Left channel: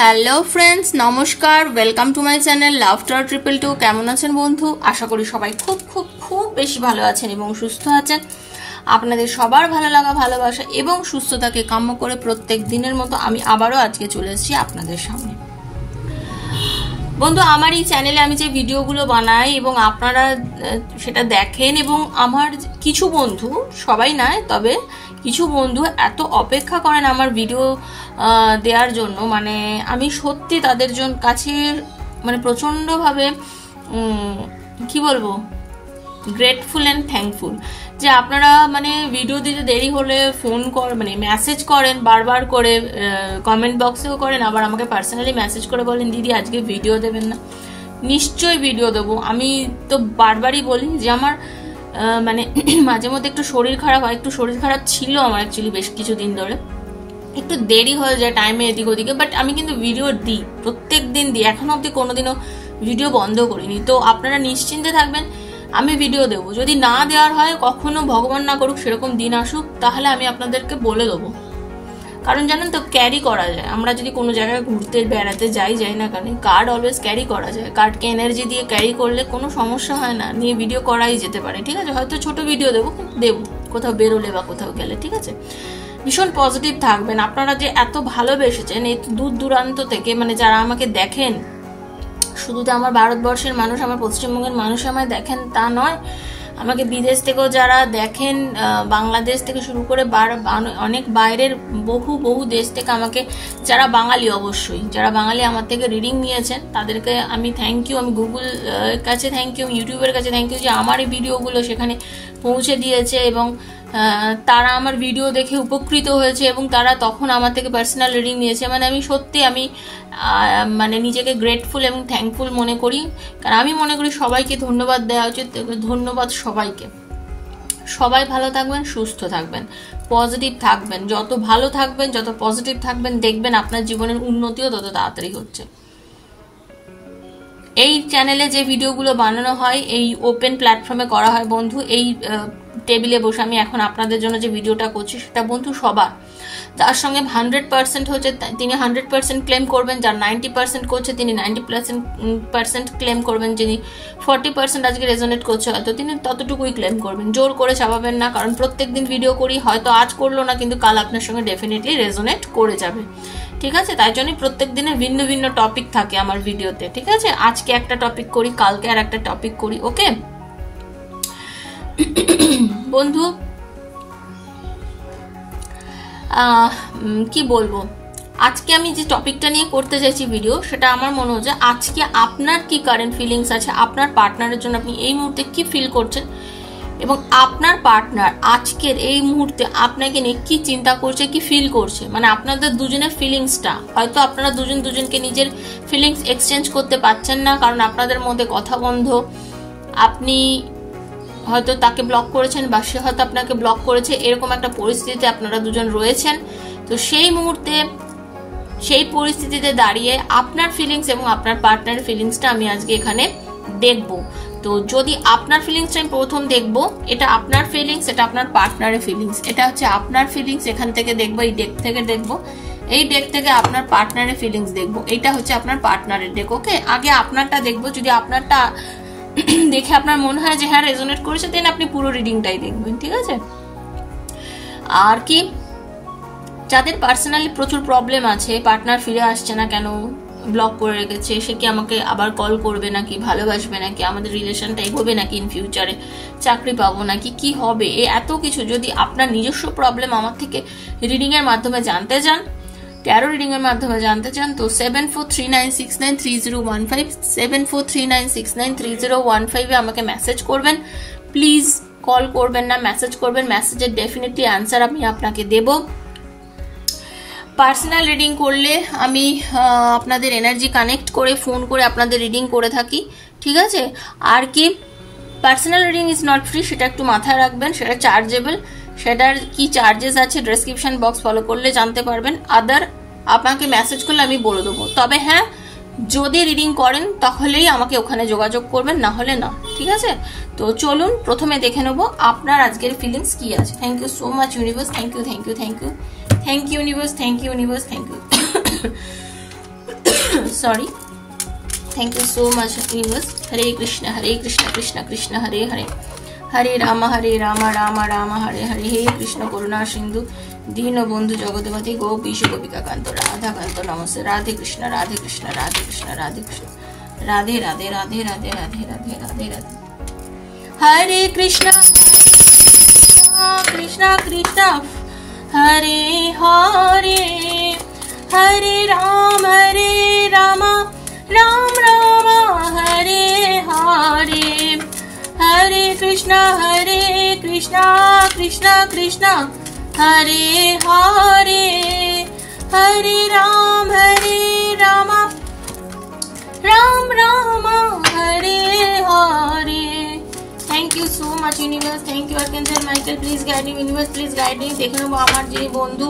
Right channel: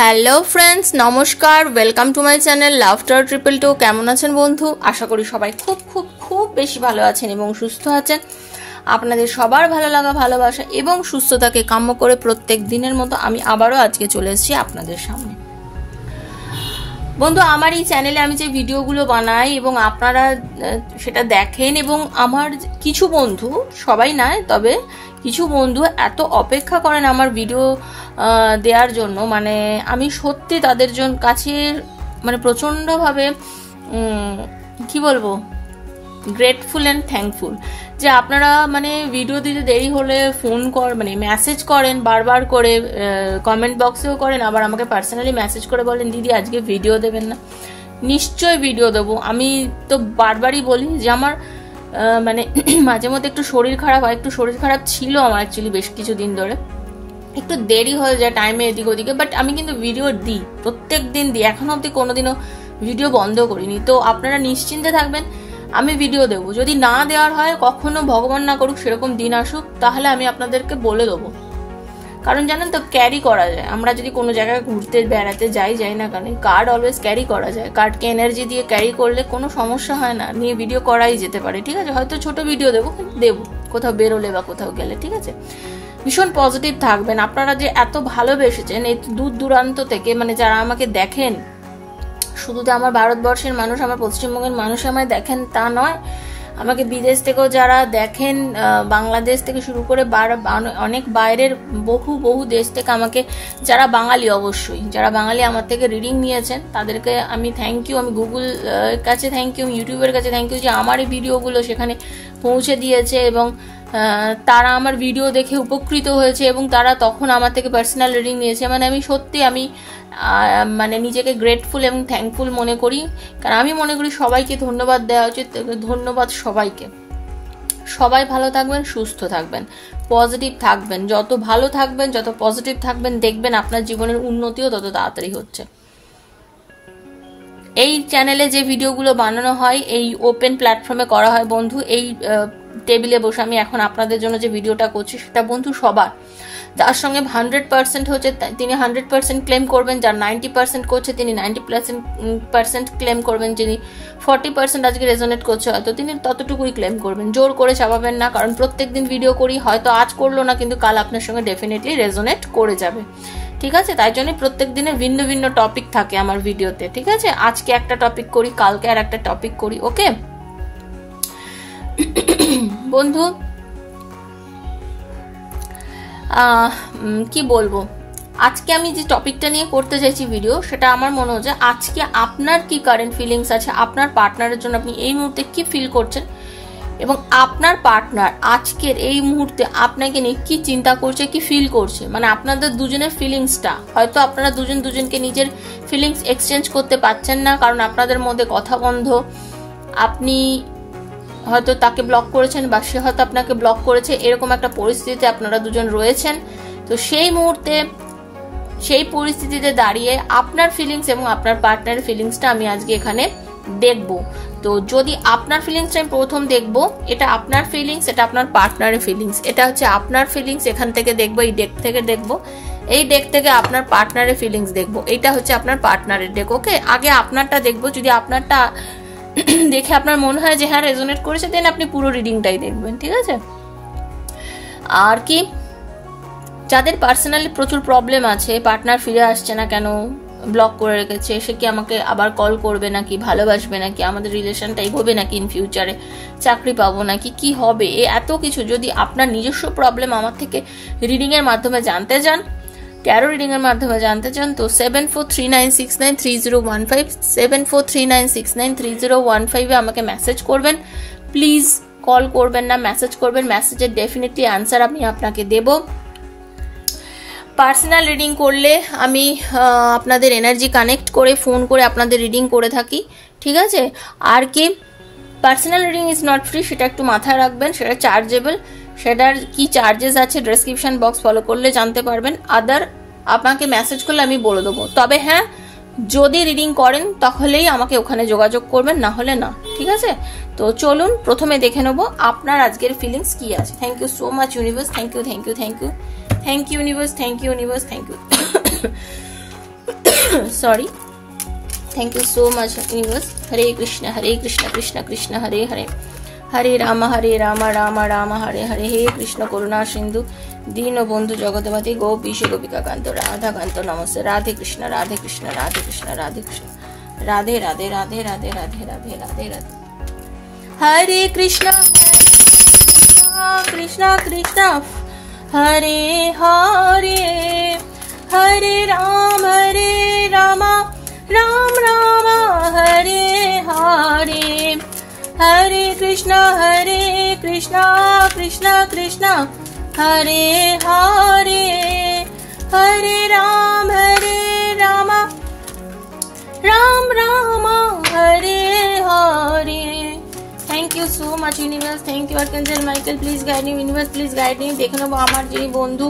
Hello friends, নমস্কার। Welcome to my channel laughter 222। কেমন আছেন বন্ধু? আশা করি সবাই খুব খুব খুব বেশি ভালো আছেন এবং সুস্থ আছেন। আপনাদের সবার ভালো লাগা, ভালোবাসা এবং সুস্থতাকে কাম্য করে প্রত্যেক দিনের মতো আমি আবারও আজকে চলে এসেছি আপনাদের সামনে। বন্ধু, আমার এই চ্যানেলে আমি যে ভিডিওগুলো বানাই এবং আপনারা সেটা দেখেন, এবং আমার কিছু বন্ধু, সবাই নয় তবে কিছু বন্ধু এত অপেক্ষা করেন আমার ভিডিও দেওয়ার জন্য, মানে আমি সত্যি তাদের কাছে মানে প্রচন্ডভাবে কি বলবো, গ্রেটফুল অ্যান্ড থ্যাঙ্কফুল যে আপনারা মানে ভিডিও দিতে দেরি হলে ফোন মানে মেসেজ করেন বারবার করে, কমেন্ট বক্সেও করেন, আবার আমাকে পার্সোনালি মেসেজ করে বলেন দিদি আজকে ভিডিও দেবেন না। নিশ্চয়ই ভিডিও দেবো। আমি তো বারবারই বলি যে আমার মানে মাঝে মধ্যে একটু শরীর খারাপ হয়, একটু শরীর খারাপ ছিল আমার অ্যাকচুয়ালি বেশ কিছুদিন ধরে, একটু দেরি হয়ে যায় টাইমে এদিক ওদিকে, বাট আমি কিন্তু ভিডিও দিই, প্রত্যেক দিন দিই, এখনো অব্দি কোনোদিনও ভিডিও বন্ধ করিনি। তো আপনারা নিশ্চিন্তে থাকবেন, আমি ভিডিও দেবো। যদি না দেওয়ার হয়, কখনো ভগবান না করুক সেরকম দিন আসুক, তাহলে আমি আপনাদেরকে বলে দেবো। কারণ জানেন তো, ক্যারি করা যায়। আমরা যদি কোনো জায়গায় ঘুরতে বেড়াতে যাই না কেন, কার্ড অলওয়েজ ক্যারি করা যায়। কার্ডকে এনার্জি দিয়ে ক্যারি করলে কোনো সমস্যা হয় না, নিয়ে ভিডিও করাই যেতে পারে। ঠিক আছে, হয়তো ছোট ভিডিও দেবো কোথাও বেরোলে বা কোথাও গেলে। ঠিক আছে, ভীষণ পজিটিভ থাকবেন। আপনারা যে এত ভালোবেসেছেন এই দূর দূরান্ত থেকে, মানে যারা আমাকে দেখেন, শুধু তো আমার ভারতবর্ষের মানুষ, আমার পশ্চিমবঙ্গের মানুষ আমায় দেখেন তা নয়, আমাকে বিদেশ থেকেও যারা দেখেন, বাংলাদেশ থেকে শুরু করে অনেক বাইরের বহু দেশ থেকে আমাকে, যারা বাঙালি, অবশ্যই যারা বাঙালি আমার থেকে রিডিং নিয়েছেন তাদেরকে আমি থ্যাংক ইউ। আমি গুগল কাছে থ্যাংক ইউ, ইউটিউবের কাছে থ্যাংক ইউ যে আমার এই ভিডিওগুলো সেখানে পৌঁছে দিয়েছে এবং তারা আমার ভিডিও দেখে উপকৃত হয়েছে এবং তারা তখন আমার থেকে পার্সোনাল রিডিং নিয়েছে। মানে আমি সত্যি মানে নিজেকে গ্রেটফুল এবং থ্যাঙ্কফুল মনে করি, কারণ আমি মনে করি সবাইকে ধন্যবাদ দেওয়া উচিত। ধন্যবাদ সবাইকে। সবাই ভালো থাকবেন, সুস্থ থাকবেন, পজিটিভ থাকবেন। যত ভালো থাকবেন, যত পজিটিভ থাকবেন, দেখবেন আপনার জীবনের উন্নতিও তত তাড়াতাড়ি হচ্ছে। এই চ্যানেলে যে ভিডিওগুলো বানানো হয় এই ওপেন প্ল্যাটফর্মে করা হয় বন্ধু। এই টেবিলে বসে আমি এখন আপনাদের জন্য যে ভিডিওটা করছি সেটা বন্ধু সবার, যার সঙ্গে 100% হচ্ছে তিনি 100% ক্লেম করবেন, যার 90% করছে তিনি 90% ক্লেম করবেন, যিনি 40% আজকে রেজোনেট করছে হয়তো তিনি ততটুকুই ক্লেম করবেন। জোর করে চাপাবেন না, কারণ প্রত্যেকদিন ভিডিও করি, হয়তো আজ করলো না কিন্তু কাল আপনার সঙ্গে ডেফিনেটলি রেজোনেট করে যাবে। ঠিক আছে, তাই জন্য প্রত্যেক দিনের ভিন্ন ভিন্ন টপিক থাকে আমার ভিডিওতে। ঠিক আছে, আজকে একটা টপিক করি, কালকে আর একটা টপিক করি। ওকে বন্ধু, কি বলবো, আজকে আমি যে টপিকটা নিয়ে করতে চাইছি ভিডিও, সেটা আমার মনে হচ্ছে আজকে আপনার কি কারেন্ট ফিলিংস আছে, আপনার পার্টনারের জন্য আপনি এই মুহূর্তে কি ফিল করছেন, এবং আপনার পার্টনার আজকের এই মুহূর্তে আপনাকে নিয়ে কি চিন্তা করছে, কি ফিল করছে। মানে আপনাদের দুজনের ফিলিংসটা, হয়তো আপনারা দুজনকে নিজের ফিলিংস এক্সচেঞ্জ করতে পারছেন না, কারণ আপনাদের মধ্যে কথা বন্ধ। আপনি হয়তো তাকে ব্লক করেছেন বা সে হয়তো আপনাকে ব্লক করেছে, এরকম একটা পরিস্থিতিতে আপনারা দুজন রয়েছেন। তো সেই মুহূর্তে, সেই পরিস্থিতিতে দাঁড়িয়ে আপনার ফিলিংস এবং আপনার পার্টনারের ফিলিংসটা আমি আজকে এখানে দেখব। তো যদি আপনার ফিলিংসটাই প্রথম দেখব, এটা আপনার ফিলিংস, এটা আপনার পার্টনারের ফিলিংস, এটা হচ্ছে আপনার ফিলিংস, এখান থেকে দেখবো, এই ডেক থেকে দেখবো, এই ডেক থেকে আপনার পার্টনারের ফিলিংস দেখবো, এটা হচ্ছে আপনার পার্টনারের ডেক। ওকে, আগে আপনারটা দেখবো, যদি আপনারটা দেখে আপনার মনে হয় যে হ্যাঁ রেজোনেট করেছে, দেন আপনি পুরো রিডিংটাই দেখবেন। ঠিক আছে, আর কি, যাদের পার্সোনালি প্রচুর প্রবলেম আছে, পার্টনার ফিরে আসছে না কেন, ব্লক করে রেখেছে, সে কি আমাকে আবার কল করবে নাকি, ভালোবাসবে নাকি, আমাদের রিলেশনটাই হবে নাকি ইন ফিউচারে, চাকরি পাবো নাকি, কি হবে, এত কিছু যদি আপনার নিজস্ব প্রবলেম আমার থেকে রিডিং এর মাধ্যমে জানতে চান, ট্যারো রিডিং এর মাধ্যমে জানতে চান, তো 7439693015 7439693015 এ আমাকে মেসেজ করবেন। প্লিজ কল করবেন না, মেসেজ করবেন। মেসেজের ডেফিনেটলি আনসার আমি আপনাকে দেব। পার্সোনাল রিডিং করলে আমি আপনাদের এনার্জি কানেক্ট করে ফোন করে আপনাদের রিডিং করে থাকি। ঠিক আছে, আর কি, personal reading is not free, সেটা একটু মাথায় রাখবেন, সেটা চার্জেবল। সেটার কি চার্জেস আছে ডেসক্রিপশন বক্স ফলো করলে জানতে পারবেন। আদার আপনাকে মেসেজ করলে আমি বলে দেবো। তবে হ্যাঁ, যদি রিডিং করেন তাহলেই আমাকে ওখানে যোগাযোগ করবেন, না হলে না। ঠিক আছে, তো চলুন প্রথমে দেখে নেবো আপনার আজকের ফিলিংস কি আছে। Thank you so much universe, thank you thank you thank you thank you universe, thank you universe, thank you. Sorry. Thank you so much universe. Hare Krishna Krishna Krishna Hare Hare, Hare Ram Ram Ram Hare Hare. হে কৃষ্ণ করুণা সিন্ধু দীন বন্ধু জগৎপতি গোপীশ গোপিকা কান্ত রাধা কান্ত নমস্তে। Radhe Krishna Radhe Krishna Radhe Krishna Radhe Krishna, Radhe Radhe Radhe Radhe Radhe Radhe Radhe Radhe. Hare Krishna Krishna Krishna Hare Hare, Hare Ram Ram Ram Hare Hare, Hare Krishna Krishna Krishna Hare Hare, Hare Ram Ram Ram Hare Hare. Thank you so much universe. Thank you archangel Michael. Please guide me universe, please guide me. দেখে নেবো আমার যিনি বন্ধু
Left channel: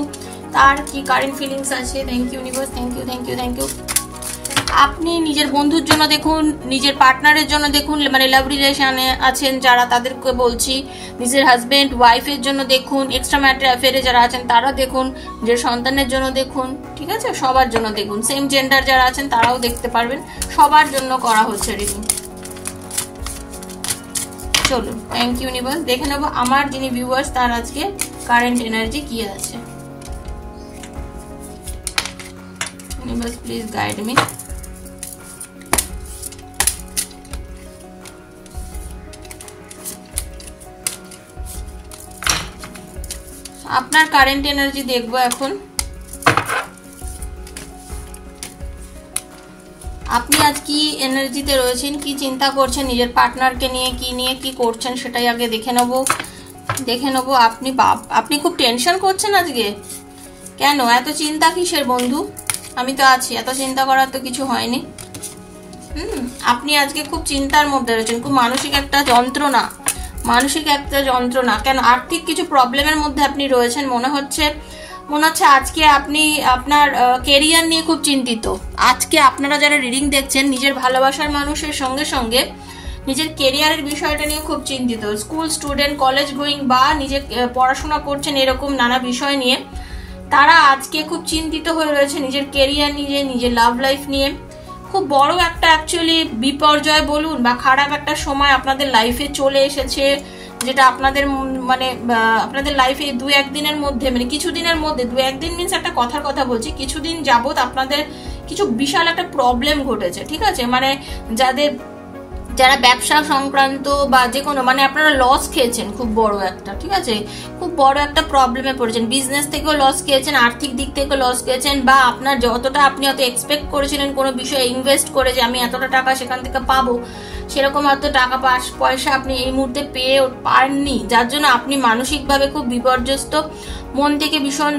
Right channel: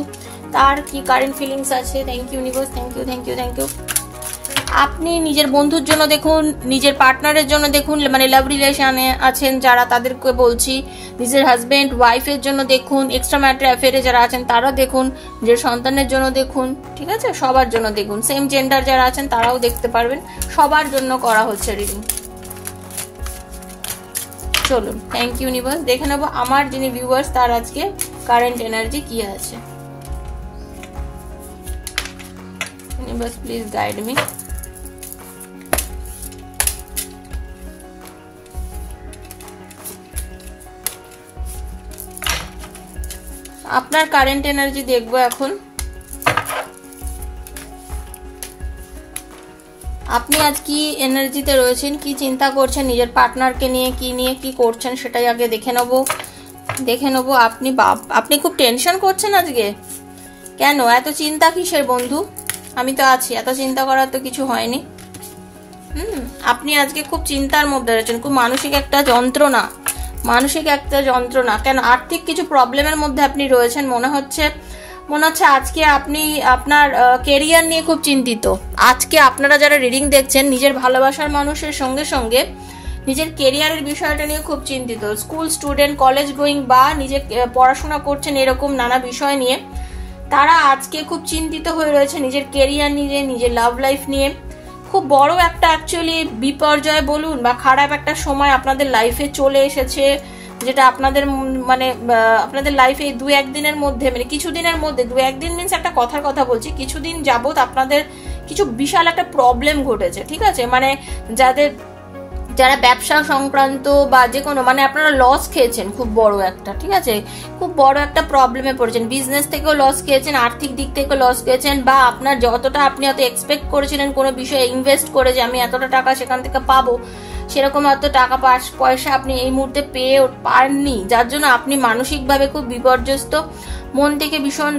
তার কি কারেন্ট ফিলিংস আছে। Thank you universe, thank you thank you thank you. আপনি নিজের বন্ধুর জন্য দেখুন, নিজের পার্টনারের জন্য দেখুন, মানে লাভ রিলেশনে আছেন যারা তাদেরকে বলছি, নিজের হাজবেন্ড ওয়াইফের জন্য দেখুন, এক্সট্রা ম্যারিটাল অ্যাফেয়ারে যারা আছেন তারা দেখুন, নিজের সন্তানের জন্য দেখুন, ঠিক আছে, সবার জন্য দেখুন। সেম জেন্ডার যারা আছেন তারাও দেখতে পারবেন, সবার জন্য করা হচ্ছে রিডিং। চলুন, থ্যাংক ইউ ইউনিভার্স। দেখে নেবো আমার যিনি ভিউয়ার্স তার আজকে কারেন্ট এনার্জি কি আছে। Universe please guide me. আপনার কারেন্ট এনার্জি দেখবো এখন। আপনি আজ কি এনার্জিতে রয়েছেন, কি চিন্তা করছেন, নিজের পার্টনারকে নিয়ে কি করছেন সেটাই আগে দেখে নেবো। আপনি খুব টেনশন করছেন আজকে, কেন এত চিন্তা কিসের বন্ধু? আমি তো আছি, এত চিন্তা করার তো কিছু হয়নি। আপনি আজকে খুব চিন্তার মধ্যে রয়েছেন, খুব মানসিক একটা যন্ত্রণা। কেন আর্থিক কিছু প্রবলেমের মধ্যে আপনি রয়েছেন মনে হচ্ছে আজকে আপনি আপনার কেরিয়ার নিয়ে খুব চিন্তিত। আজকে আপনারা যারা রিডিং দেখছেন নিজের ভালোবাসার মানুষের সঙ্গে সঙ্গে নিজের কেরিয়ারের বিষয়টা নিয়ে খুব চিন্তিত। স্কুল স্টুডেন্ট, কলেজ গোয়িং বা নিজের পড়াশোনা করছেন এরকম নানা বিষয় নিয়ে তারা আজকে খুব চিন্তিত হয়ে রয়েছে নিজের কেরিয়ার নিয়ে, নিজের লাভ লাইফ নিয়ে। খুব বড় একটা অ্যাকচুয়ালি বিপর্যয় বলুন বা খারাপ একটা সময় আপনাদের লাইফে চলে এসেছে, যেটা আপনাদের মানে আপনাদের লাইফে দু একদিনের মধ্যে, মানে কিছুদিনের মধ্যে, দু একদিন মিনস একটা কথার কথা বলছি, কিছুদিন যাবত আপনাদের কিছু বিশাল একটা প্রবলেম ঘটেছে, ঠিক আছে। মানে যারা ব্যবসা সংক্রান্ত বা যে কোনো, মানে আপনারা লস খেয়েছেন খুব বড় একটা, ঠিক আছে, খুব বড় একটা প্রবলেমে পড়েছেন। বিজনেস থেকেও লস খেয়েছেন, আর্থিক দিক থেকে লস খেয়েছেন, বা আপনার যতটা আপনি হয়তো এক্সপেক্ট করেছিলেন কোনো বিষয়ে ইনভেস্ট করে যে আমি এতটা টাকা সেখান থেকে পাবো, সেরকম হয়তো টাকা পয়সা আপনি এই মুহূর্তে পেয়ে পাননি, যার জন্য আপনি মানসিকভাবে খুব বিপর্যস্ত, মন থেকে ভীষণ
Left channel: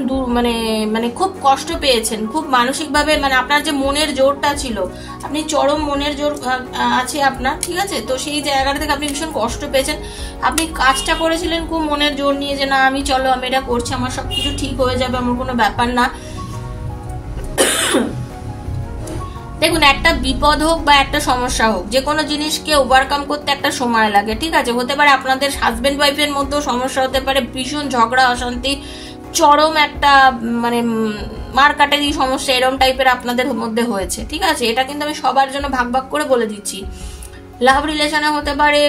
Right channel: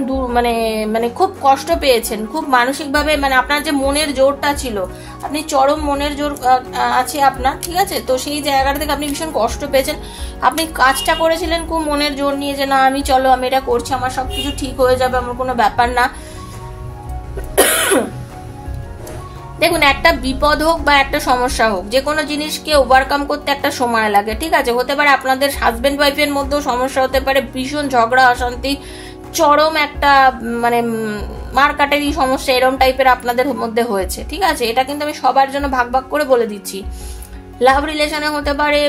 মানে খুব কষ্ট পেয়েছেন, খুব মানসিকভাবে, মানে আপনার যে মনের জোরটা ছিল, আপনি চরম মনের জোর আছে আপনার, ঠিক আছে। তো সেই জায়গাটা থেকে আপনি ভীষণ কষ্ট পেয়েছেন। আপনি কাজটা করেছিলেন খুব মনের জোর নিয়ে যে না আমি এটা করছি, আমার সবকিছু ঠিক হয়ে যাবে, আমার কোনো ব্যাপার না। দেখুন, একটা বিপদ হোক বা একটা সমস্যা হোক, যে কোনো জিনিসকে ওভারকাম করতে একটা সময় লাগে, ঠিক আছে। হতে পারে আপনাদের হাজবেন্ড ওয়াইফের মধ্যেও সমস্যা হতে পারে, ভীষণ ঝগড়া অশান্তি, চরম একটা মানে মারকাটারি সমস্যা এরকম টাইপের আপনাদের মধ্যে হয়েছে, ঠিক আছে। এটা কিন্তু আমি সবার জন্য ভাগ ভাগ করে বলে দিচ্ছি। লাভ রিলেশনে হতে পারে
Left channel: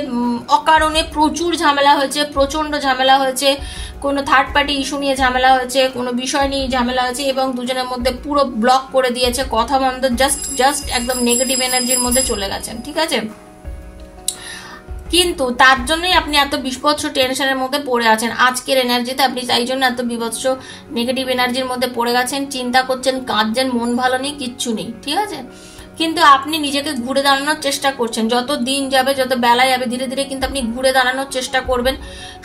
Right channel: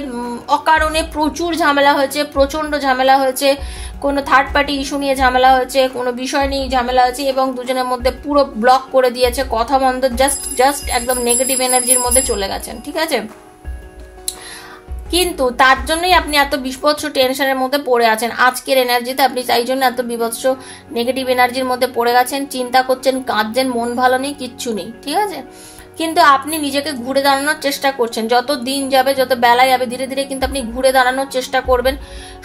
অকারণে প্রচুর ঝামেলা হয়েছে, প্রচন্ড ঝামেলা হয়েছে, কোনো থার্ড পার্টি ইস্যু নিয়ে ঝামেলা হয়েছে, কোনো বিষয় নিয়ে ঝামেলা হয়েছে, এবং দুজনের মধ্যে পুরো ব্লক করে দিয়েছে, কথা বন্ধ, জাস্ট একদম নেগেটিভ এনার্জির মধ্যে চলে গেছেন, ঠিক আছে। কিন্তু তার জন্যই আপনি এত বিভৎস টেনশনের মধ্যে পড়ে আছেন আজকের এনার্জিতে। আপনি তাই জন্য এত বিভৎস নেগেটিভ এনার্জির মধ্যে পড়ে গেছেন, চিন্তা করছেন, কাঁদছেন, মন ভালো নেই, কিচ্ছু নেই, ঠিক আছে। কিন্তু আপনি নিজেকে ঘুরে দাঁড়ানোর চেষ্টা করছেন, যত দিন যাবে, যত বেলা যাবে, ধীরে ধীরে কিন্তু আপনি ঘুরে দাঁড়ানোর চেষ্টা করবেন,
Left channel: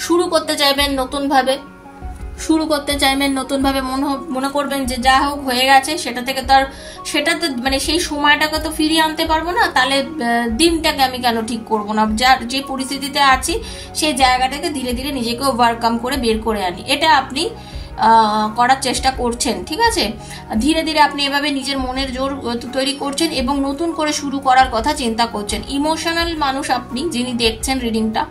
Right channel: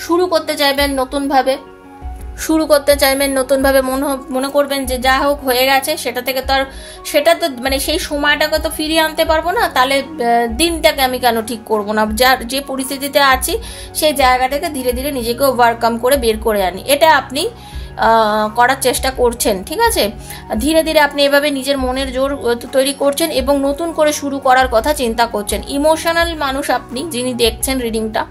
শুরু করতে চাইবেন নতুনভাবে, মনে করবেন যে যা হোক হয়ে গেছে, সেটা তো মানে সেই সময়টাকে তো ফিরিয়ে আনতে পারবো না, তাহলে দিনটাকে আমি কেন ঠিক করবো না, যে পরিস্থিতিতে আছি সেই জায়গাটাকে ধীরে ধীরে নিজেকে ওভারকাম করে বের করে আনি, এটা আপনি করার চেষ্টা করছেন, ঠিক আছে। ধীরে ধীরে আপনি এভাবে নিজের মনের জোর তৈরি করছেন এবং নতুন করে শুরু করার কথা চিন্তা করছেন। ইমোশনাল মানুষ আপনি, যিনি দেখছেন রিডিংটা,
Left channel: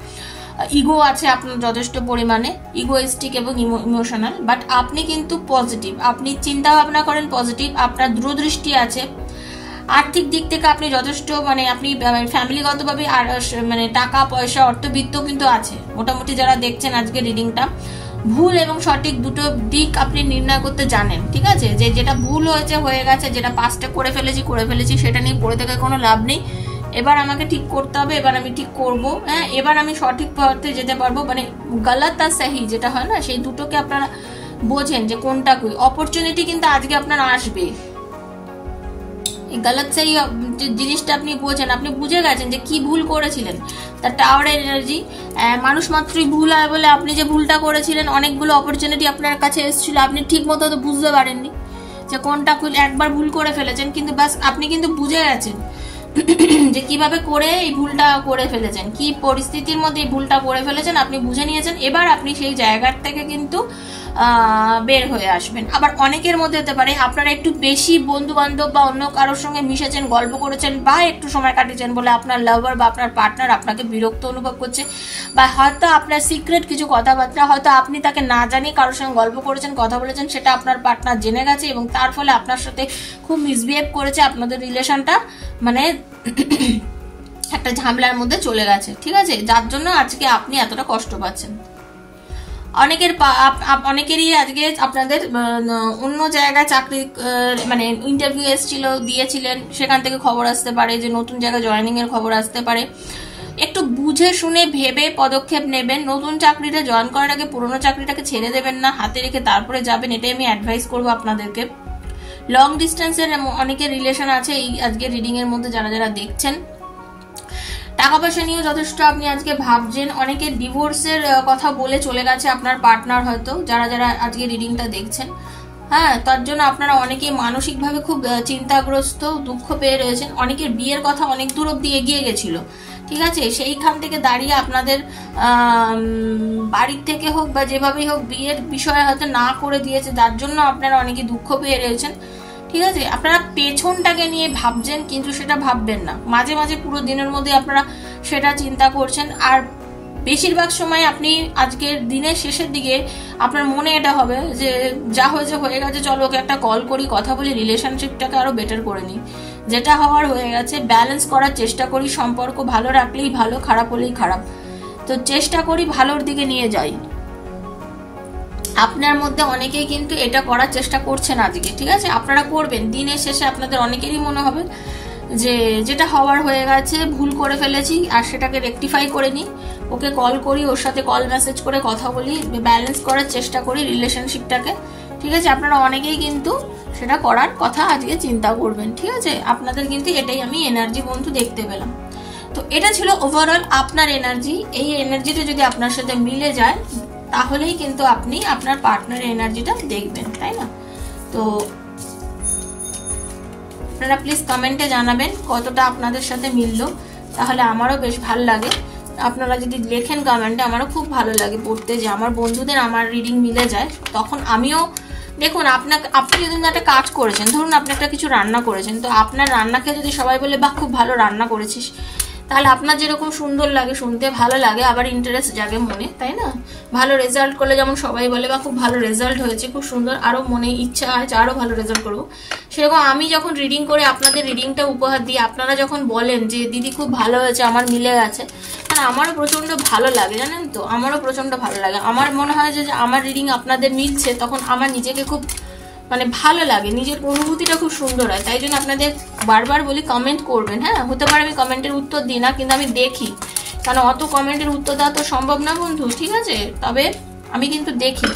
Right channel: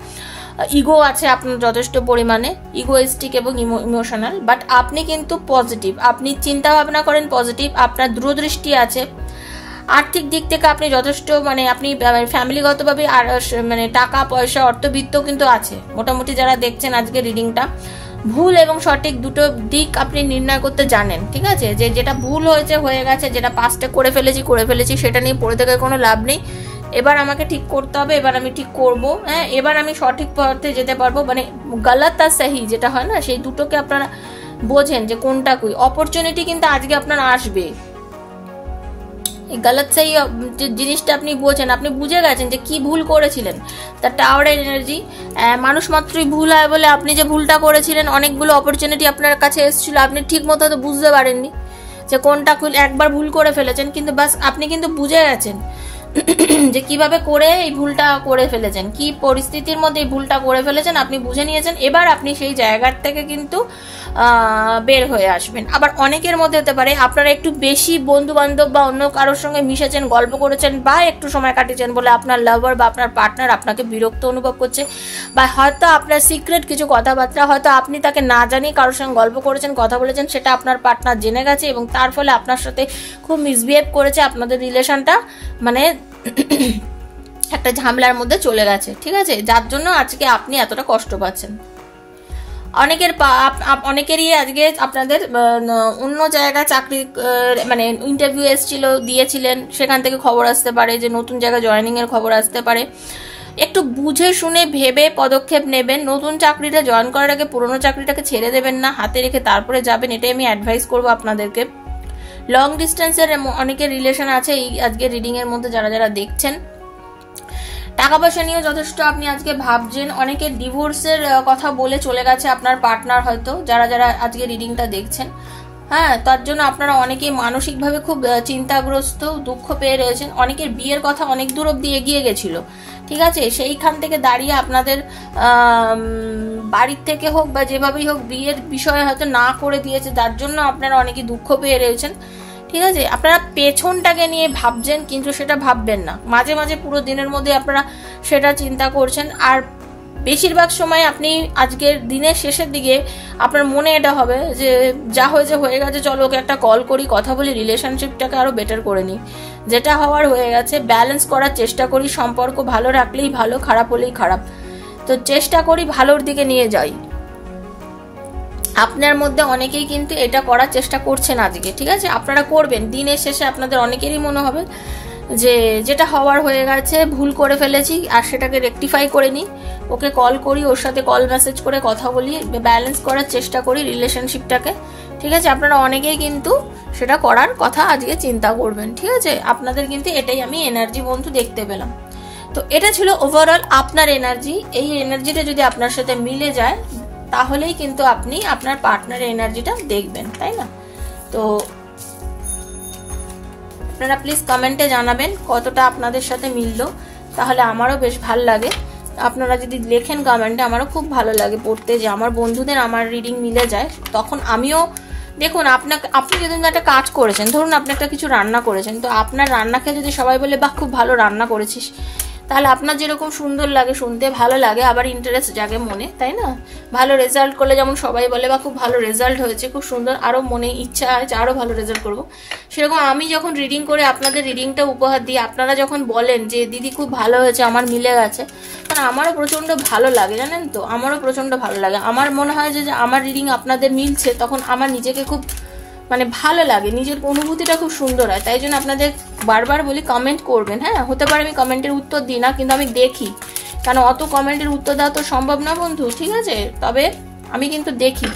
ইগো আছে আপনার যথেষ্ট পরিমাণে, ইগোইস্টিক এবং ইমোশনাল, বাট আপনি কিন্তু পজিটিভ, আপনি চিন্তা ভাবনা করেন পজিটিভ, আপনার দূরদৃষ্টি আছে, আর্থিক দিক থেকে আপনি যথেষ্ট মানে আপনি ফ্যামিলিগতভাবে মানে টাকা পয়সা অর্থবিত্ত কিন্তু আছে। মোটামুটি যারা দেখছেন আজকে রিডিংটা, ভুল এবং সঠিক দুটো দিক আপনি নির্ণয় করতে জানেন, ঠিক আছে? যে যেটা ভুল হয়েছে হয়ে গেছে, যেটা পাস্টে করে ফেলেছি সেটা নিয়ে পড়ে থেকে কোনো লাভ নেই। এবার আমাকে ঠিক করতে হবে, এবার আমি ঠিক করব, হ্যাঁ, এবার আমি সঠিক পথে যেতে পারবো। মানে গলত আর সহি যেটা হয় না, সেই দুটোকে আপনারা বোঝেন যে কোনটা কি। অপরচুনিটি কিন্তু আজকে আপনার আসবে। গলত সহি জিনিসটা আপনি বোঝেন, আপনি বুঝে গেছেন যে কি ভুল করেছিলেন। তার টাওয়ার এনার্জি, মানুষ মাত্রই ভুল হয় বলে আপনি যে ভুলটা করেছিলেন, অনেকগুলো অপরচুনিটি আপনার কাছে এসেছিল, আপনি ঠিক মতো তো বুঝতে পারেননি যে কোনটা একবার ভুল করে ফেলেছেন, কিন্তু বাস আপনি কিন্তু বুঝে গেছেন যে কিভাবে করে এই ভুলটা করে ফেলেছেন, কি পরিস্থিতির মধ্যে এই ভুলটা করে ফেলেছেন, আপনি বুঝে নিয়েছেন। এবার আপনি সেই জায়গার থেকে কিন্তু বের হয়ে আসবেন। আবার অনেকের মধ্যে হতে পারে আপনারা একটু বেশি বন্ধু বান্ধব বা অন্য কারোর সঙ্গে মিশেছেন, গল্প করেছেন বা একটু সময় কাটিয়েছেন বলে আপনার লাভার বা আপনার পার্টনার আপনাকে বিরক্ত অনুভব করছে, বা হয়তো আপনার সিক্রেট কিছু কথাবার্তা হয়তো আপনি তাকে না জানিয়ে কারোর সঙ্গে গল্প করেছেন, কথা বলেছেন, সেটা আপনার পার্টনার জেনে গেছে এবং তার ফলে আপনার সাথে খুব মিসবিহেভ করেছে, আপনাদের রিলেশনটা মানে একটা ঝামেলার মধ্যে চলে গেছে, ঠিক আছে? যার জন্য আজকে আপনি এতটা কষ্ট পাচ্ছেন। অনেকেরই আজকে আপনাদের অন্য জায়গায় চাকরি মানে ইন্টারভিউ এসেছিল, দিয়েছিলেন, সেখান থেকে খবর আসতে পারে যে নতুন জায়গায় জয়েনিং এর খবর আসতে পারে। একটু বুঝে শুনে ভেবে পদক্ষেপ নেবেন। নতুন চাকরিটা জয়েন করার আগে পুরোনো চাকরিটাকে ছেড়ে দেবেন না, হাতে রেখে তারপরে যাবেন, এটাই আমি অ্যাডভাইস করবো আপনাদেরকে। লং ডিস্টেন্সের অনেকের রিলেশন আছে এই আজকে রিডিং এর মধ্যে যারা যারা দেখছেন। টাকা পয়সা নিয়েও যথেষ্ট আপনি আজকে ভাবছেন। অনেকে ডিভোর্সের কথা বলে চলে গেছে আপনার পার্টনার, হয়তো যারা যারা আজকে রিডিংটা দেখছেন, হ্যাঁ, তার জন্য আপনারা অনেকে মানসিকভাবে খুব চিন্তাগ্রস্ত, দুঃখ পেয়ে রয়েছেন। অনেকের বিয়ের কথা অনেক দূর অব্দি এগিয়ে গেছিল, ঠিক আছে? সেইখান থেকে দাঁড়িয়ে আপনাদের বাড়ির থেকে হোক বা যেভাবেই হোক বিয়ের বিষয়ে হয়তো না করে দিয়েছে, যার জন্য আপনারা অনেকে দুঃখ পেয়ে রয়েছেন, ঠিক আছে? আপনারা পেছনটাকে নিয়ে ভাবছেন, কিন্তু সেটা ভাববেন না। মাঝে মাঝে পুরো দিনের মধ্যে আপনারা সেটা চিন্তা করছেন, আর বেশিরভাগ সময় আপনি আজকের দিনের শেষের দিকে আপনার মনে এটা হবে যে যা হয়েছে হয়ে গেছে, চলো ওকে একটা কল করি, কথা বলি, রিলেশনশিপটাকে আরো বেটার করে নিই। যেটা হওয়ার হয়ে গেছে, ব্যালেন্স করার চেষ্টা করি। সম্পর্ক ভালো রাখলেই ভালো, খারাপ হলেই খারাপ, তো চেষ্টা করি ভালোর দিকে নিয়ে যাই। আপনার মধ্যে অনেকেই কিন্তু এটা করার চেষ্টা করছেন আজকে, ঠিক আছে? আপনারা করবেন। দিনের শেষে আপনাদের অনেকেরই মনে হবে যে যেটা হওয়ার হয়ে গেছে, ভুল করে ফেলেছি, আর সেটাকে রেকটিফাই করে নিই, ওকে কল করি, ওর সাথে কল মেসেজ করে কথা বলি, ব্যালেন্স করার চেষ্টা করি রিলেশনশিপটাকে, ঠিক আছে? আপনারা অনেকেই কিন্তু সেটা করার কথা আজকে চিন্তা করবেন, ঠিক আছে? আপনাদের কিন্তু এটাই আমি এনার্জি বন্ধু দেখতে পেলাম। তো এটা ছিল ওভারঅল আপনার এনার্জি। এই এনার্জিটা যদি আপনার সাথে মিলে যায় তাহলেই কিন্তু আপনি আপনার পার্টনারের এনার্জিটা দেখবেন, তাই না? তো আপনারা প্লিজ কমেন্টে জানাবেন কতটা আপনাদের সাথে মিললো, তাহলে আমারও বেশ ভালো লাগে। আপনারা যদি লেখেন কমেন্টে, আমারও খুব ভালো লাগে পড়তে যে আমার বন্ধুদের আমার রিডিং মিলে যায়। তখন আমিও দেখুন, আপনি যদি একটা কাজ করেছেন, ধরুন আপনি একটা কিছু রান্না করেছেন, তো আপনার রান্নাকে যদি সবাই বলে বাহ খুব ভালো রান্না করেছিস, তাহলে আপনার যেরকম সুন্দর লাগে, শুনতে ভালো লাগে, আবার ইন্টারেস্ট জাগে মনে, তাই না? ভালো রেজাল্ট করলে যেমন সবাই বলে বা খুব ভালো রেজাল্ট হয়েছে, খুব সুন্দর, আরো মনে ইচ্ছা হয় আরো ভালো রেজাল্ট করবো। সেরকম আমি যখন রিডিং করে আপনাদের রিডিংটা উপহার দিই, আপনারা যখন বলেন যে দিদি খুব ভালো হয়েছে, আমার মিলে গেছে, মানে আমারও প্রচন্ড ভালো লাগে, জানেন তো? আমারও প্রচন্ড ভালো লাগে। আমার মনে হয় যে আমার রিডিং আপনাদের মিলছে, তখন আমার নিজেকে খুব মানে ভালো লাগে, নিজের অনুভূতিটা খুব সুন্দর হয়। তাই জন্য আপনাদের বারবার বলি কমেন্ট করবেন। হ্যাঁ, হতে পারে আমি কমেন্টের উত্তর দিই না, কিন্তু আমি দেখি, কারণ অত কমেন্টের উত্তর দেওয়া তো সম্ভব না বন্ধু, ঠিক আছে? তবে আমি কিন্তু দেখি।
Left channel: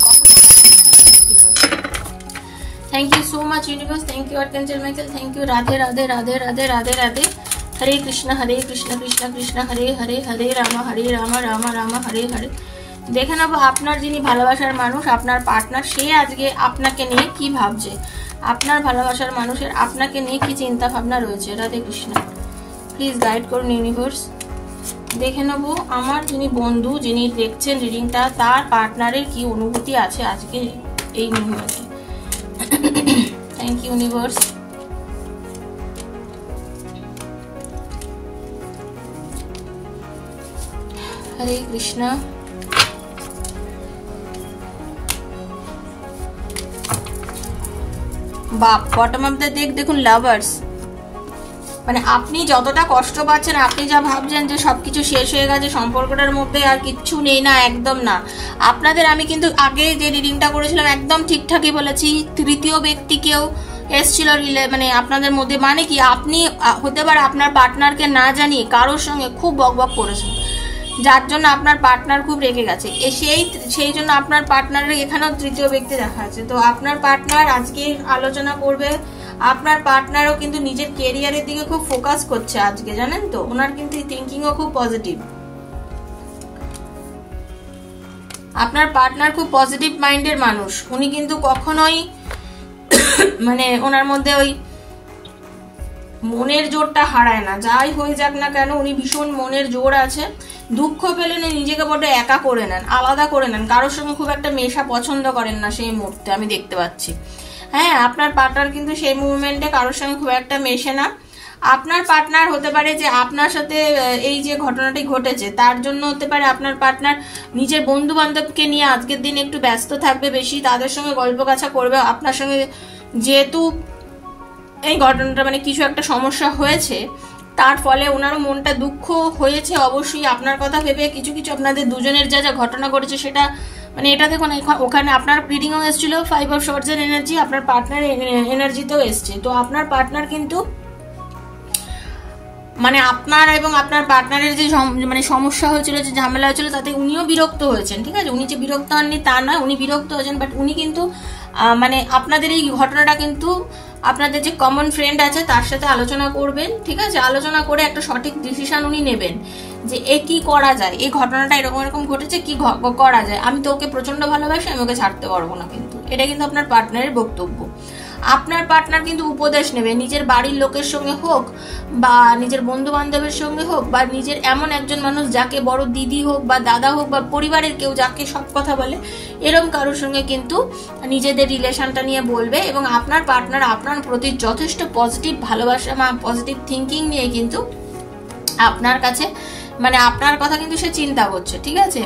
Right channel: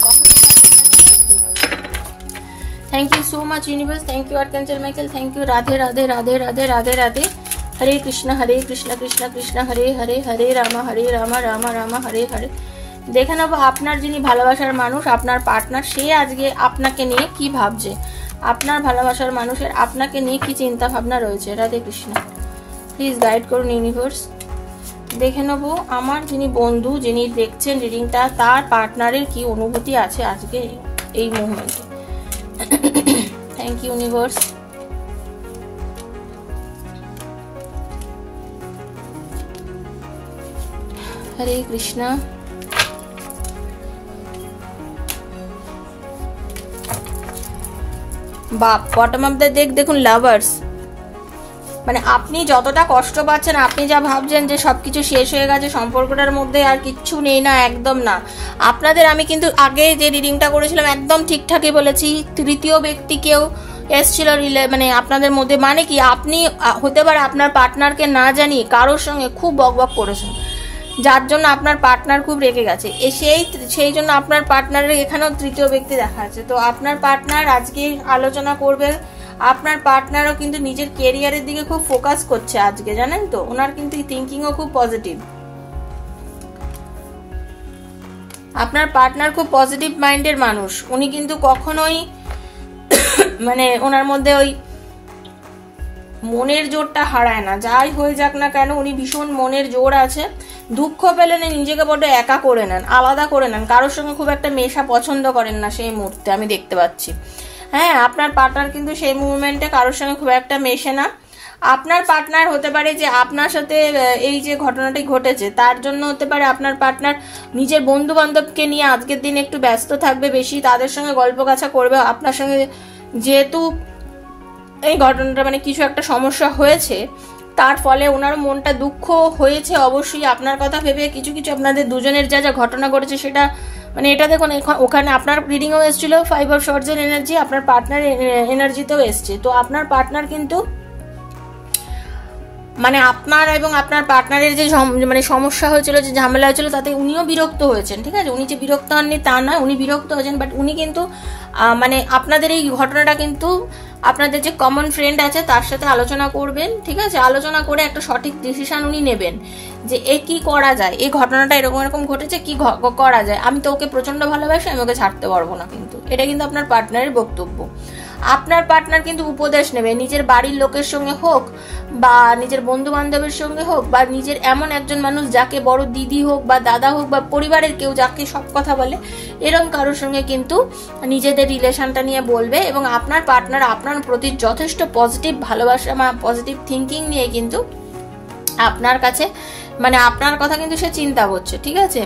Thank you so much universe, thank you archangel Michael, thank you. Radhe Radhe Radhe Radhe Radhe Radhe. Hare Krishna Krishna Krishna Hare Hare, Hare Ram Ram Ram Hare Hare. দেখে নেবো আপনার যিনি ভালোবাসার মানুষ, আপনার পার্টনার, সে আজকে আপনাকে নিয়ে কি ভাবছে, আপনার ভালোবাসার মানুষের আপনাকে নিয়ে কি চিন্তা ভাবনা রয়েছে। রাধে কৃষ্ণ, প্লিজ গাইড করুন ইউনিভার্স। দেখে নেবো আমার যিনি বন্ধু, যিনি দেখছেন রিডিংটা, তার পার্টনারের কি অনুভূতি আছে আজকে এই মুহূর্তে। Thank you universe. Hare Krishna. বাপ বটম অফ দ্য ডেক দেখুন লাভার্স, মানে আপনি যতটা কষ্ট পাচ্ছেন, আপনি যা ভাবছেন যে সবকিছু শেষ হয়ে গেছে, সম্পর্কটার মধ্যে আর কিচ্ছু নেই, না, একদম না। আপনাদের আমি কিন্তু আগে যে রিডিংটা করেছিলাম একদম ঠিকঠাকই বলেছি, তৃতীয় ব্যক্তি কেউ এসছিল মানে আপনাদের মধ্যে। মানে কি, আপনি হতে পারে আপনার পার্টনারকে না জানিয়ে কারোর সঙ্গে খুব বকবক করেছেন, যার জন্য আপনার পার্টনার খুব রেগে গেছে। সেই জন্য আপনার পার্টনারের এখানেও তৃতীয় ব্যক্তি দেখা আছে। তো আপনার পার্টনার আজকে আলোচনা করবে। আপনার পার্টনারও কিন্তু নিজের কেরিয়ারের দিকে খুব ফোকাস করছে আজকে, জানেন তো। ওনার কিন্তু থিঙ্কিংও খুব পজিটিভ। আপনার পার্টনার খুব পজিটিভ মাইন্ডের মানুষ। উনি কিন্তু কখনোই মানে ওনার মধ্যে ওই মনের জোরটা হারায় না। যাই হয়ে যাক না কেন, উনি ভীষণ মনের জোর আছে। দুঃখ পেলে নিজেকে বড় একা করে নেন, আলাদা করে নেন, কারোর সঙ্গে খুব একটা মেশা পছন্দ করেন না সেই মুহূর্তে, আমি দেখতে পাচ্ছি। হ্যাঁ, আপনার পার্টনার কিন্তু সেই মুভমেন্টে কারোর সঙ্গে খুব একটা মেশে না। আপনার পার্টনার হতে পারে যে আপনার সাথে এই যে ঘটনাটি ঘটেছে তার জন্য হতে পারে আপনার পার্টনার নিজের বন্ধু বান্ধবকে নিয়ে আজকের দিন একটু ব্যস্ত থাকবে বেশি, তাদের সঙ্গে গল্প কাছা করবে। আপনার সঙ্গে যেহেতু এই ঘটনাটা মানে কিছু একটা সমস্যা হয়েছে, তার ফলে ওনারও মনটা দুঃখ হয়েছে অবশ্যই আপনার কথা ভেবে। কিছু কিছু আপনাদের দুজনের যা যা ঘটনা ঘটেছে সেটা মানে এটা দেখুন, ওখানে আপনার রিডিংও এসেছিল 5 অফ শর্টস এর এনার্জি, আপনার পার্টনার এনার্জিতেও এসছে। তো আপনার পার্টনার কিন্তু মানে আপনার এবং আপনার পার্টনারের যে মানে সমস্যা হয়েছিল, যে ঝামেলা হয়েছিল, তাতে উনিও বিরক্ত হয়েছেন। ঠিক আছে, উনি যে বিরক্ত হননি তা নয়, উনি বিরক্ত হয়েছেন, বাট উনি কিন্তু মানে আপনাদের এই ঘটনাটা কিন্তু আপনাদের যে কমন ফ্রেন্ড আছে তার সাথে আলোচনা করবেন। ঠিক আছে, আলোচনা করে একটা সঠিক ডিসিশন উনি নেবেন যে এ কি করা যায়, এই ঘটনাটা এরকম এরকম ঘটেছে, কি করা যায়। আমি তো ওকে প্রচন্ড ভালোবাসি, আমি ওকে ছাড়তে পারবো না। কিন্তু এটা কিন্তু আপনার পার্টনারের বক্তব্য। আপনার পার্টনার কিন্তু উপদেশ নেবে, নিজের বাড়ির লোকের সঙ্গে হোক বা নিজের বন্ধু বান্ধবের সঙ্গে হোক বা নিজের এমন একজন মানুষ যাকে বড় দিদি হোক বা দাদা হোক বা পরিবারের কেউ যাকে সব কথা বলে, এরকম কারোর সঙ্গে কিন্তু নিজেদের রিলেশনটা নিয়ে বলবে। এবং আপনার পার্টনার আপনার প্রতি যথেষ্ট পজিটিভ ভালোবাসা বা পজিটিভ থিঙ্কিং নিয়ে কিন্তু আপনার কাছে মানে আপনার কথা কিন্তু সে চিন্তা করছে। ঠিক আছে,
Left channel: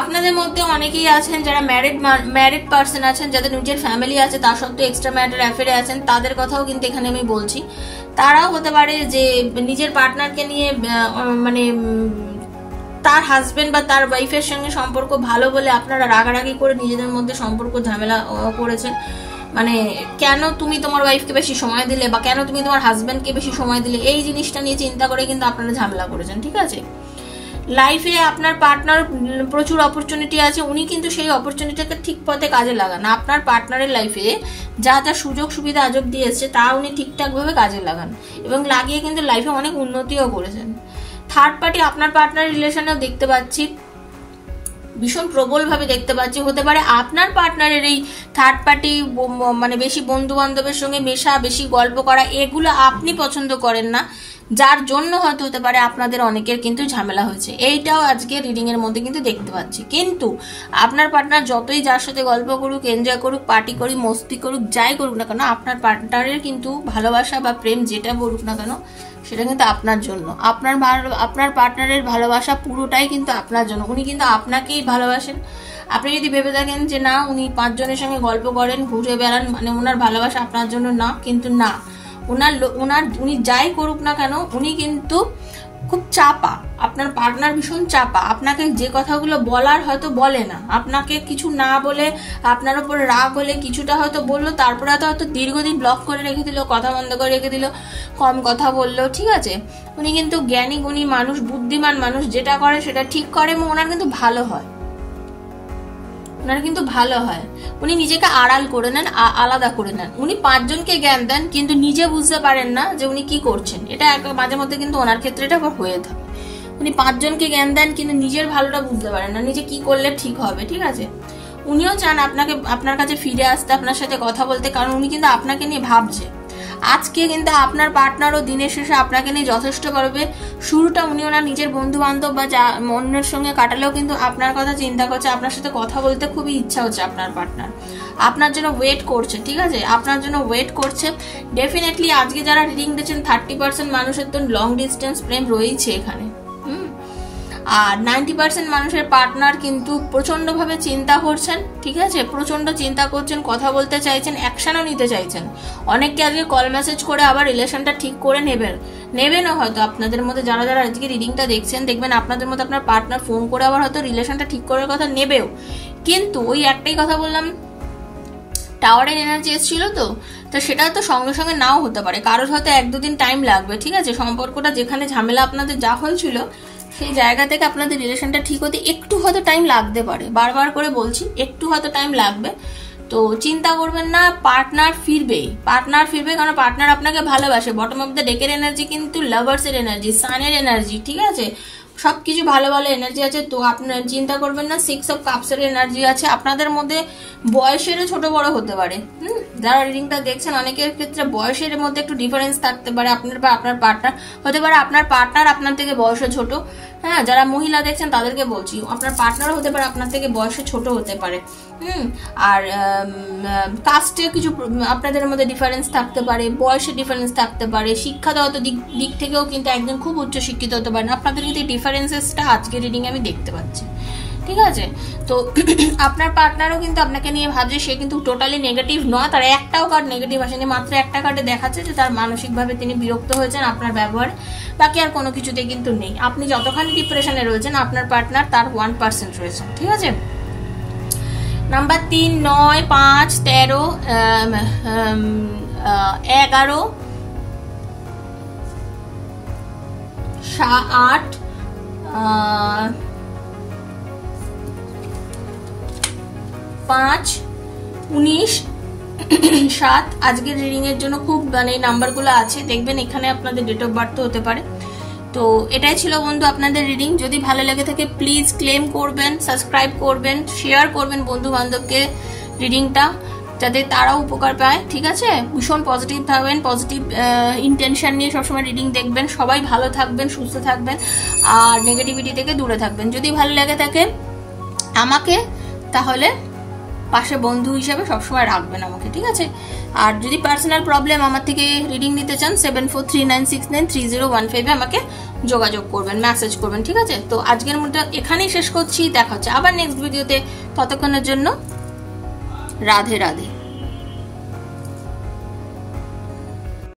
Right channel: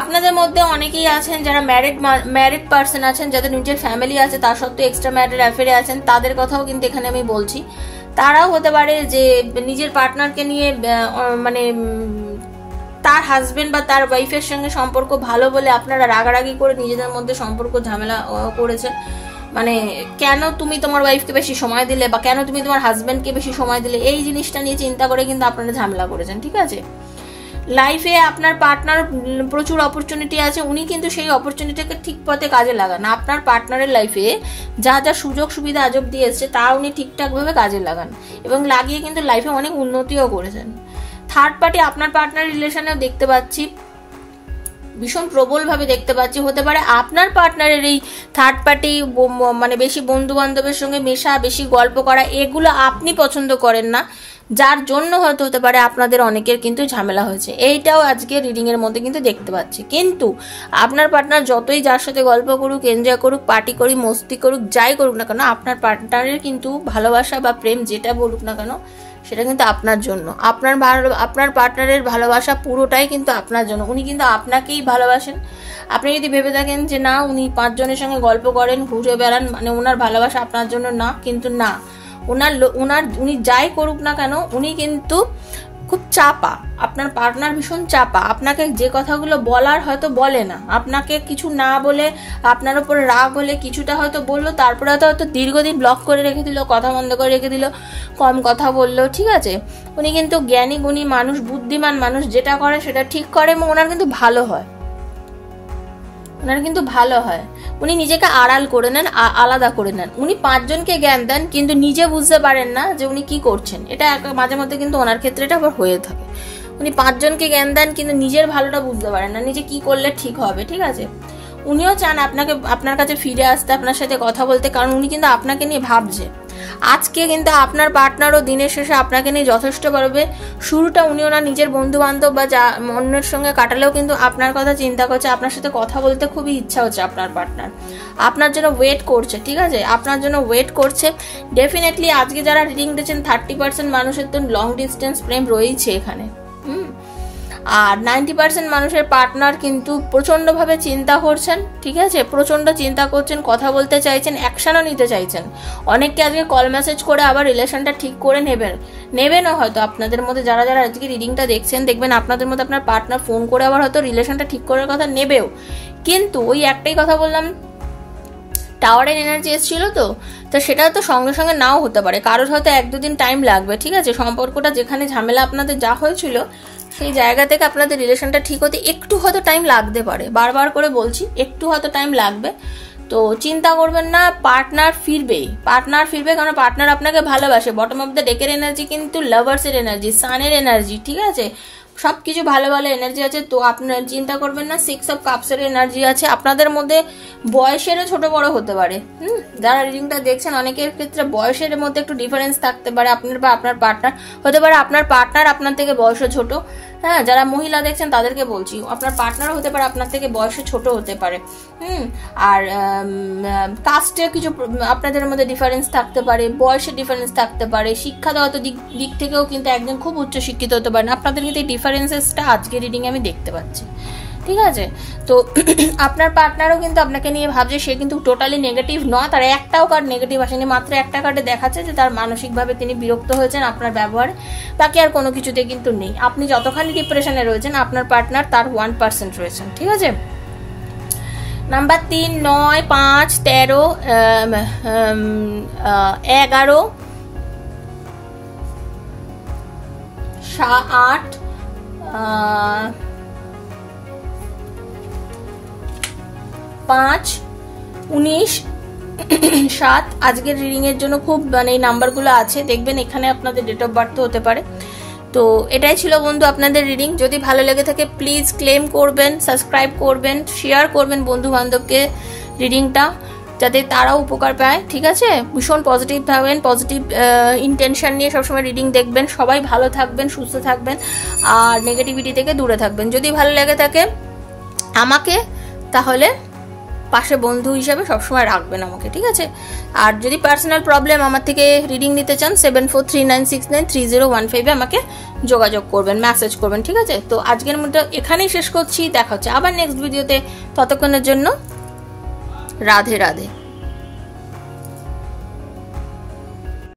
আপনাদের মধ্যে অনেকেই আছেন যারা ম্যারিড পার্সন আছেন, যাদের নিজের ফ্যামিলি আছে, তার সত্ত্বেও এক্সট্রা ম্যারিটাল অ্যাফেয়ারে আছেন, তাদের কথাও কিন্তু এখানে আমি বলছি। তারাও হতে পারে যে নিজের পার্টনারকে নিয়ে মানে তার হাজবেন্ড বা তার ওয়াইফের সঙ্গে সম্পর্ক ভালো বলে আপনারা রাগারাগি করে নিজেদের মধ্যে সম্পর্ক ঝামেলা করেছেন। মানে কেন তুমি তোমার ওয়াইফকে বেশি সময় দিলে বা কেন তুমি তোমার হাজবেন্ডকে বেশি সময় দিলে, এই জিনিসটা নিয়ে চিন্তা করে কিন্তু আপনারা ঝামেলা করেছেন। ঠিক আছে, লাইফে আপনার পার্টনার প্রচুর অপরচুনিটি আছে, উনি কিন্তু সেই অপরচুনিটিকে ঠিক পথে কাজে লাগান। আপনার পার্টনারের লাইফে যা যা সুযোগ সুবিধা আজব দিয়ে এসছে তা উনি ঠিকঠাক ভাবে কাজে লাগান এবং লাগিয়ে কিন্তু লাইফে অনেক উন্নতিও করেছেন। থার্ড পার্টি আপনার পার্টনার রিলেশনেও দেখতে পাচ্ছি, ভীষণ প্রবল ভাবে দেখতে পাচ্ছি। হতে পারে আপনার পার্টনারের এই থার্ড পার্টি মানে বেশি বন্ধু বান্ধবের সঙ্গে মেশা, বেশি গল্প করা, এগুলো আপনি পছন্দ করেন না, যার জন্য হয়তো হতে পারে আপনাদের অনেকের কিন্তু ঝামেলা হয়েছে। এইটাও আজকে রিডিং এর মধ্যে কিন্তু দেখতে পাচ্ছি। কিন্তু আপনার পার্টনার যতই যার সাথে গল্প করুক, এনজয় করুক, পার্টি করুক, মস্তি করুক, যাই করুক না কেন, আপনার পার্টনারের কিন্তু ভালোবাসা বা প্রেম যেটা বলুক না কেন সেটা কিন্তু আপনার জন্য। আপনার পার্টনারের ভালোবাসা পুরোটাই কিন্তু আপনার জন্য। উনি কিন্তু আপনাকেই ভালোবাসেন। আপনি যদি ভেবে থাকেন যে না উনি 5 জনের সঙ্গে গল্প করেন, ঘুরে বেড়ান, মানে ওনার ভালোবাসা আপনার জন্য না, কিন্তু না, উনি যাই করুক না কেন উনি কিন্তু খুব চাপা। আপনার পার্টনার ভীষণ চাপা, আপনাকে যে কথাগুলো বলার হয়তো বলে না, আপনাকে কিছু না বলে আপনার উপর রাগ হলে কিছুটা হয়তো বললো, তারপরে হয়তো দীর্ঘদিন ব্লক করে রেখে দিল, কথা বন্ধ করে রেখে দিল, কম কথা বললো। ঠিক আছে, উনি কিন্তু জ্ঞানী গুণী মানুষ, বুদ্ধিমান মানুষ, যেটা করে সেটা ঠিক করে এবং ওনার কিন্তু ভালো হয়, উনি নিজেকে আড়াল করে নেন, আলাদা করে নেন। উনি 5 জনকে জ্ঞান দেন কিন্তু নিজে বুঝতে পারেন না যে উনি কি করছেন। এটা মাঝে মধ্যে কিন্তু ওনার ক্ষেত্রে এটা হয়ে থাকে। উনি 5 জনকে জ্ঞান দেন কিন্তু নিজের ভালোটা বুঝতে পারেন না, নিজে কি করলে ঠিক হবে। ঠিক আছে, উনিও চান আপনার কাছে ফিরে আসতে, আপনার সাথে কথা বলতে, কারণ উনি কিন্তু আপনাকে নিয়ে ভাবছে। আজকে কিন্তু আপনার পার্টনারও দিনের শেষে আপনাকে নিয়ে যথেষ্ট পারবে। শুরুটা উনি ওনার নিজের বন্ধু বান্ধব বা অন্যের সঙ্গে কাটালেও কিন্তু আপনার কথা চিন্তা করছে, আপনার সাথে কথা বলতে খুবই ইচ্ছা হচ্ছে। আপনার পার্টনার আপনার জন্য ওয়েট করছে। ঠিক আছে, আপনার জন্য ওয়েট করছে ডেফিনেটলি। আজকে যারা রিডিং দিচ্ছেন 30% মানুষের তো লং ডিস্টেন্স প্রেম রয়েছে এখানে। আর 90% মানুষের পার্টনার কিন্তু প্রচন্ডভাবে চিন্তা করছেন, ঠিক আছে, প্রচন্ড চিন্তা করছেন, কথা বলতে চাইছেন, অ্যাকশনও নিতে চাইছেন। অনেককে আজকে কল মেসেজ করে আবার রিলেশনটা ঠিক করে নেবেনও হয়তো। আপনাদের মধ্যে যারা যারা আজকে রিডিংটা দেখছেন, দেখবেন আপনাদের মধ্যে আপনার পার্টনার ফোন করে আবার হয়তো রিলেশনটা ঠিক করার কথা নেবেও। কিন্তু ওই একটাই কথা বললাম, টাওয়ারের এনার্জি এসেছিল তো সেটা তো সঙ্গে সঙ্গে নাও হতে পারে, কারোর হয়তো 1-2 দিন টাইম লাগবে, ঠিক আছে। সম্পর্কটা যেখানে ঝামেলা আপনাদের যা হয়েছিল সেই জায়গা থেকে আপনাদের রিলেশনটা ঠিক হতে একটু হয়তো টাইম লাগতে পারে, বারবার করে বলছি একটু হয়তো টাইম লাগবে। তো চিন্তা করবেন না, পার্টনার ফিরবে, কারণ পার্টনার আপনাকে ভালোবাসে। বটম অফ দ্য ডেকের এনার্জি কিন্তু লাভার্সের এনার্জি, সানের এনার্জি, ঠিক আছে, সবকিছু ভালো ভালো এনার্জি আছে। তো আপনার চিন্তা করবেন না। 6 অফ কাপসের এনার্জি আছে। আপনাদের মধ্যে বয়সেরও ছোট বড় হতে পারে। যারা রিডিংটা দেখছেন অনেকের ক্ষেত্রে বয়সের মধ্যে একটু ডিফারেন্স থাকতে পারে। আপনার বা আপনার পার্টনার হতে পারে, আপনার পার্টনার আপনার থেকে বয়সে ছোট। হ্যাঁ, যারা মহিলা দেখছেন তাদেরকে বলছি, আপনার পার্টনার হতে পারে আপনার থেকে বয়সে ছোট হতে পারে। আর কাস্টে কিছু আপনাদের মধ্যে ডিফারেন্স থাকতে পারে, বয়সের ডিফারেন্স থাকতে পারে, শিক্ষাগত দিক থেকেও কিন্তু একজন খুব উচ্চ শিক্ষিত হতে পারেন। আপনাদের কিন্তু এই ডিফারেন্সেসটা আজকে রিডিং আমি দেখতে পাচ্ছি, ঠিক আছে। তো আপনার পার্টনারও কিন্তু আপনাকে নিয়ে ভাবছে, সে কিন্তু টোটালি নেগেটিভ নয়, তার একটাও কার্ড নেগেটিভ আসেনি, মাত্র একটা কার্ডে দেখাচ্ছে যে তার মানসিকভাবে তিনি বিরক্ত হয়েছেন আপনার ব্যবহারে, বাকি আর কোনো কিছুতে কিন্তু নেই। আপনি যতখানি ডিপ্রেশনে রয়েছেন আপনার পার্টনার তার 1% রয়েছে, ঠিক আছে। নাম্বার 3, 9, 5, 13, 11, 8, 5, 19, 7 আজকের রিডিং এর জন্য খুব এই নাম্বারগুলো আছে, দেখবেন এখানে আপনাদের ডেট অফ বার্থ হতে পারে। তো এটাই ছিল বন্ধু আপনাদের রিডিং। যদি ভালো লেগে থাকে প্লিজ ক্লেম করবেন, সাবস্ক্রাইব করবেন, শেয়ার করবেন বন্ধু বান্ধবকে রিডিংটা, যাতে তারাও উপকার পায়, ঠিক আছে। ভীষণ পজিটিভ থাকবেন, পজিটিভ ইন্টেনশন নিয়ে সবসময় রিডিং দেখবেন। সবাই ভালো থাকবেন, সুস্থ থাকবেন, আর নেগেটিভিটি থেকে দূরে থাকবেন। যদি ভালো লেগে থাকে আমাকে, তাহলে পাশে বন্ধু হিসাবে সবসময় রাখবেন আমাকে, ঠিক আছে। আর যদি পার্সোনাল প্রবলেম আমার থেকে রিডিং নিতে চান 7439693015 আমাকে যোগাযোগ করবেন, মেসেজ করবেন, ঠিক আছে। তো আজকের মতো এখানেই শেষ করছি, দেখা হচ্ছে আবার নেক্সট ভিডিওতে। ততক্ষণের জন্য রাধে রাধে।